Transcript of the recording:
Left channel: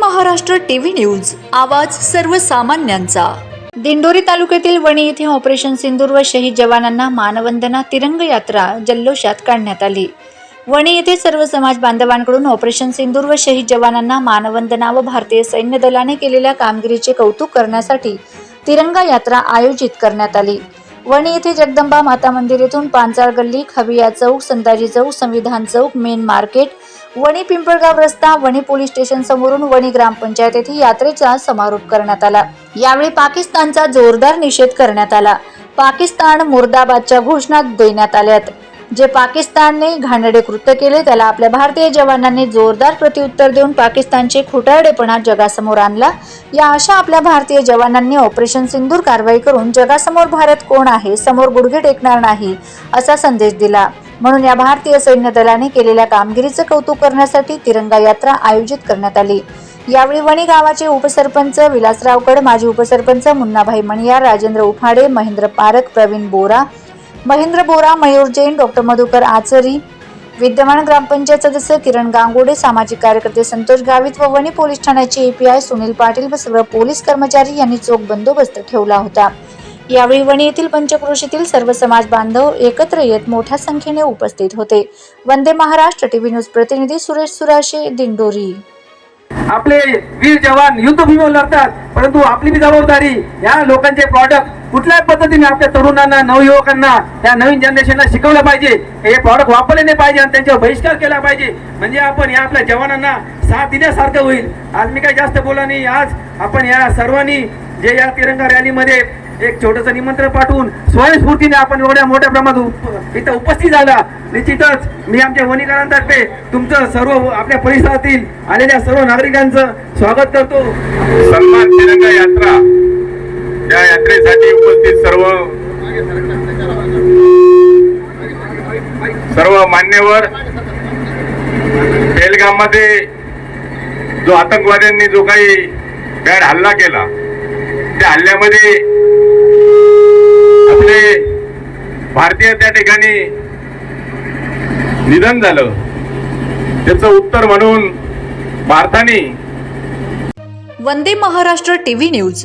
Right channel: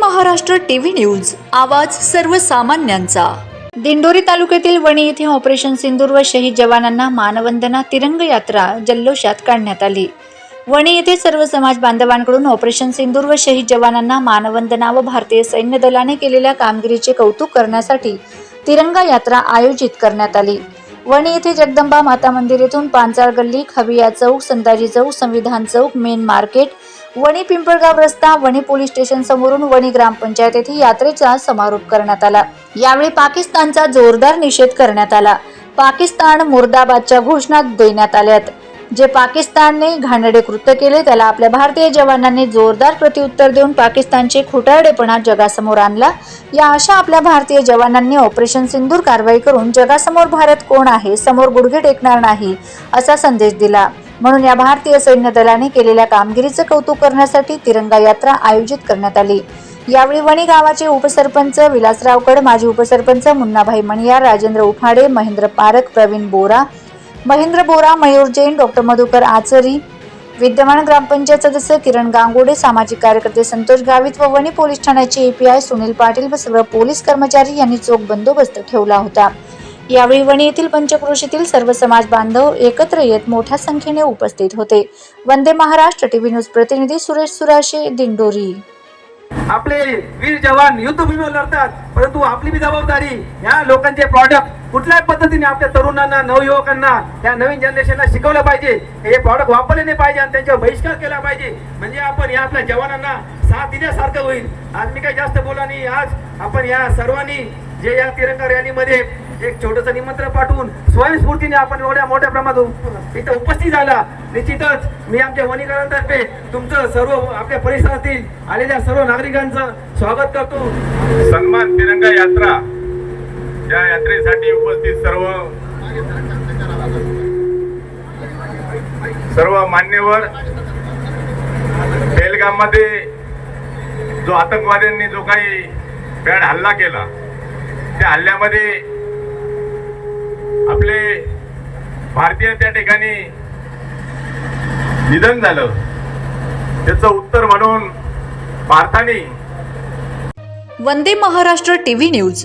Maharashtra TV news आवाज सर्वसामान्यांचा. दिंडोरी तालुक्यातील वणी येथे ऑपरेशन सिंदूर व शहीद जवानांना मानवंदना तिरंग यात्रा जल्लोषात काढण्यात आली. वणी येथे सर्व समाज बांधवांकडून ऑपरेशन सिंदूर व शहीद जवानांना मानवंदना व भारतीय सैन्य दलाने केलेल्या कामगिरीचे कौतुक करण्यासाठी तिरंगा यात्रा आयोजित करण्यात आली. वणी येथे जगदंबा माता मंदिर येथून पांचाळ गल्ली खबिया चौक संताजी चौक संविधान चौक मेन मार्केट वणी पिंपळगाव रस्ता वणी पोलीस स्टेशन समोरून वणी ग्रामपंचायत येथे यात्रेचा समारोप करण्यात आला. यावेळी पाकिस्तानचा जोरदार निषेध करण्यात आला. पाकिस्तान मुर्दाबादच्या घोषणा देण्यात आल्यात जे पाकिस्तानने घाणडे कृत्य केले त्याला आपल्या भारतीय जवानांनी जोरदार प्रत्युत्तर देऊन पाकिस्तानचे खोटारडेपणा जगासमोर आणला. या अशा आपल्या भारतीय जवानांनी ऑपरेशन सिंदूर कारवाई करून जगासमोर भारत कोण आहे समोर गुडघे टेकणार नाही असा संदेश दिला. म्हणून या भारतीय सैन्य दलाने केलेल्या कामगिरीचं कौतुक करण्यासाठी तिरंगा यात्रा आयोजित करण्यात आली. यावेळी वणी गावाचे उपसरपंच विलासराव कड माजी उपसरपंच मुन्नाभाई मणियार राजेंद्र उफाडे महेंद्र पारक प्रवीण बोरा महेंद्र बोरा मयूर जैन डॉक्टर मधुकर आचरी विद्यमान ग्रामपंचायत सदस्य किरण गांगोडे सामाजिक कार्यकर्ते संतोष गावित व वणी पोलीस ठाण्याचे एपीआय सुनील पाटील व सर्व पोलीस कर्मचारी यांनी चोख बंदोबस्त ठेवला होता. यावेळी वणी येथील पंचक्रोशीतील सर्व समाज बांधव एकत्र येत मोठ्या संख्येने उपस्थित होते. वंदे महाराष्ट्र टीव्ही न्यूज प्रतिनिधी सुरेश सुराशे दिंडोरी. आपले वीर जवान युद्धभूमीवर लढतात परंतु आपली जबाबदारी या लोकांचे प्रॉडक्ट कुठल्याही पद्धतीने आपल्या तरुणांना नवयुवकांना या नवीन जनरेशनला शिकवलं पाहिजे. हे प्रॉडक्ट वापरले नाही पाहिजे आणि त्यांच्यावर बहिष्कार केला पाहिजे. म्हणजे आपण या आपल्या जवानांना साथ दिल्यासारखं होईल. आज मी काही जास्त बोला नाही. आज आपण या सर्वांनी जे या तिरंगा रॅलीमध्ये एक छोटंसं निमंत्रण पाठवून स्वयंस्फूर्तीने आपण एवढ्या मोठ्या प्रमाणात इथं उपस्थित झाला. निश्चितच मी आमच्या वणीकरांतर्फे तुमचं सर्व आपल्या परिसरातील आलेल्या सर्व नागरिकांचं स्वागत करतो. सन्मान तिरंगा यात्रा. या यात्रेसाठी उपस्थित सर्व सर्व मान्यवर बेलगाममध्ये जो आतंकवाद्यांनी जो काही बॅड हल्ला केला त्या हल्ल्यामध्ये आपले भारतीय त्या ठिकाणी निधन झालं. त्याचं उत्तर म्हणून भारताने वंदे महाराष्ट्र टीव्ही न्यूज.